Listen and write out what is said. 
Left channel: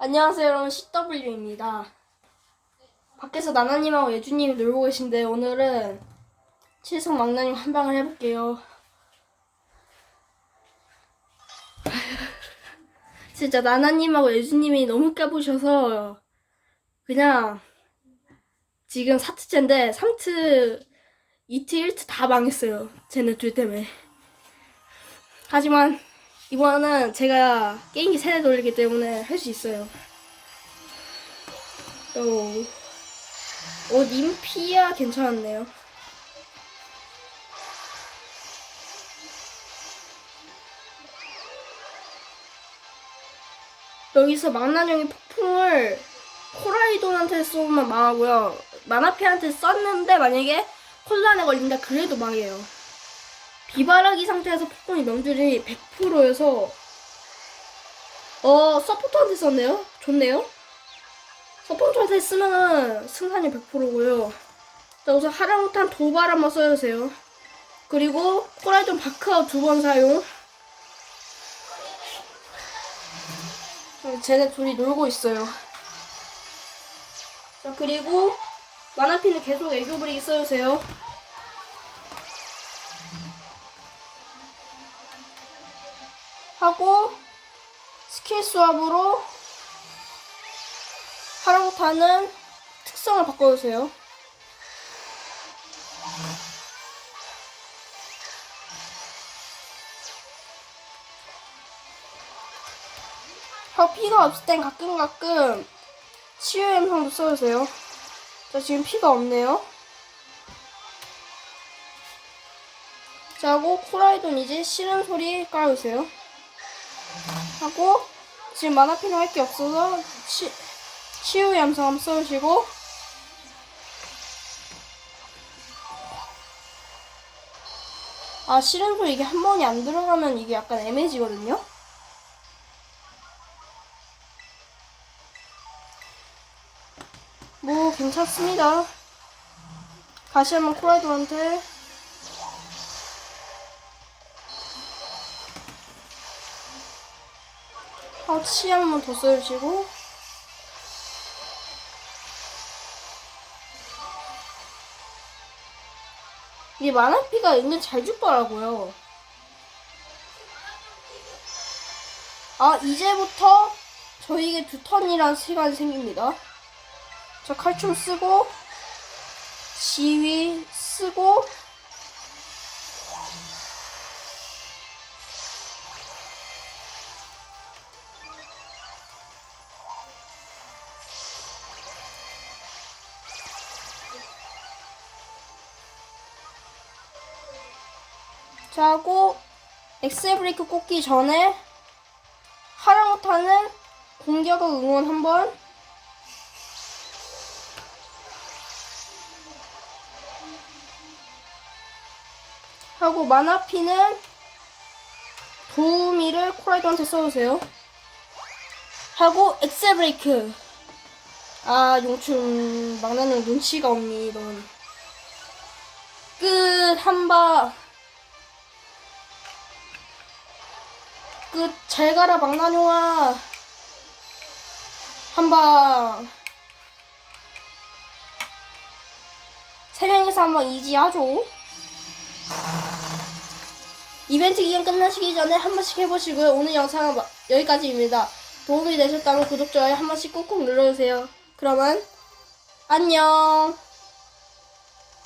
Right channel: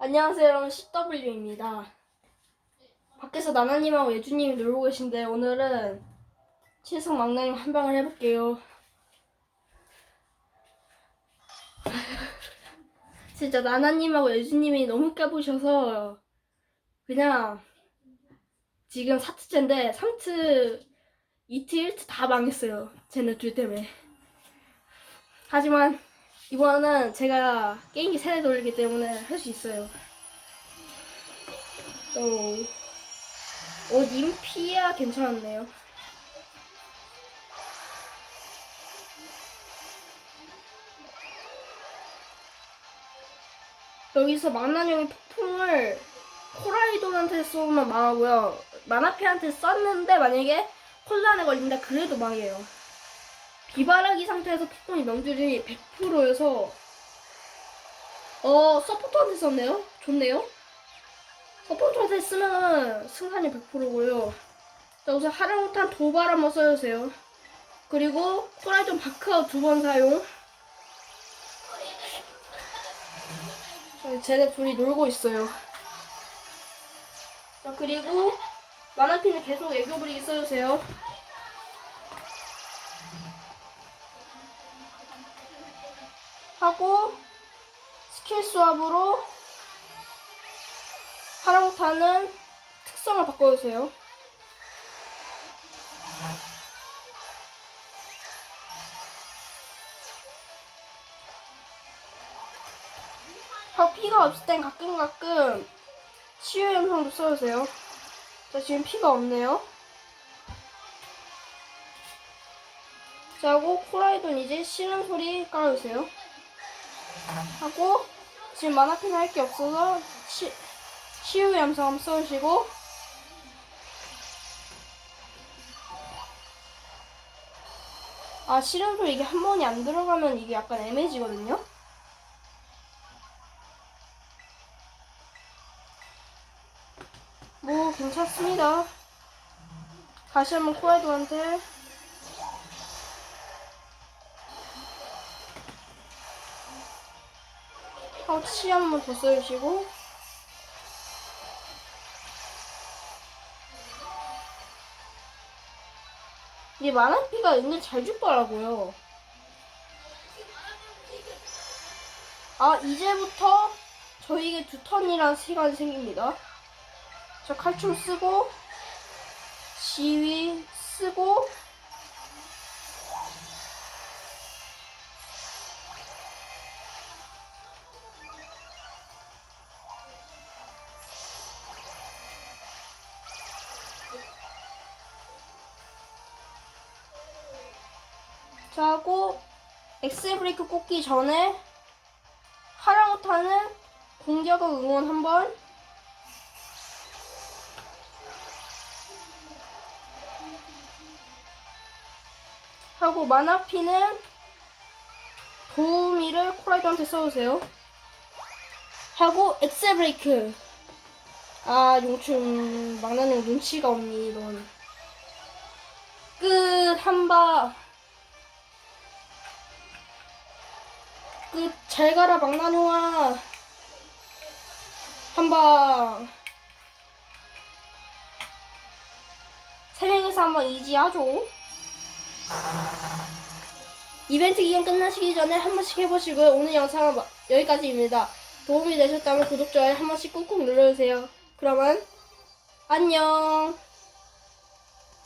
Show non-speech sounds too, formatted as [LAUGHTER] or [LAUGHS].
안녕하세요 여러분 CW입니다. 밖에서 나나님하고 예주님이 놀고 계신데 오늘은 칠성 망나님 한 방을 해볼게요. [LAUGHS] 진짜 나나님하고 예주님이 너무 까부셔서 그냥 지금 4트째인데 3트, 2트, 1트 다 망했어요. 쟤네 둘 때문에. 하지만 이번은 제가 게임기 세대 돌리기 때문에 할 수 있어요. 오, 오 님피아 괜찮았네요. 여기서 망나뇽이 폭풍을 코라이돈한테 쏘면 망하고요. 마나피한테 썼는데 만약에 콜란에 걸린다 그래도 망해요. 비바라기 상태에서 폭풍의 명줄이 100%여서 어 서포터한테 썼네요. 좋네요. 서포터한테 쓰면은 승산이 100%고요. 우선 하라못한 도발 한번 써주세요. 그리고 코라이돈 바크아웃 두번 사용. 어, 쟤네 둘이 놀고 있어요. 자 그리고 마나피는 계속 애교 부리기 써주세요. 하고 스킬 수압으로 하랑타는 특성을 바꿔주세요. 어, 피가 없을 땐 가끔 가끔 치유 영상도 써주세요. 자, 지금 피가 없네요. 자, 하고 코라이돈 이제 싫은 소리 깔아주세요. 하고 지금 만화핀 할게 없어서 치, 치유 염성 써주시고 아 소리 이게 한 번이 안 들어가면 이게 약간 애매해지거든요. 뭐 괜찮습니다. 다시 한번 코라이돈한테 어, 치 한 번 더 써주시고 이게 만화피가 은근 잘 죽더라고요. 아 이제부터 저에게 두 턴이란 시간이 생깁니다. 저 칼춤 쓰고 지휘 쓰고 자 하고 엑셀 브레이크 꽂기 전에 하라 못하는 공격을 응원 한번. 하고 마나피는 도우미를 코라이드한테 써주세요. 하고 엑셀 브레이크. 아 용춘 막나는 눈치가 없니 넌끝 한방 끝 잘 가라 망나뇽아. 한 방. 세 명이서 한번 이지하죠? 이벤트 기간 끝나시기 전에 한 번씩 해보시고요. 오늘 영상은 마- 여기까지입니다. 도움이 되셨다면 구독, 좋아요 한 번씩 꾹꾹 눌러주세요. 그러면 안녕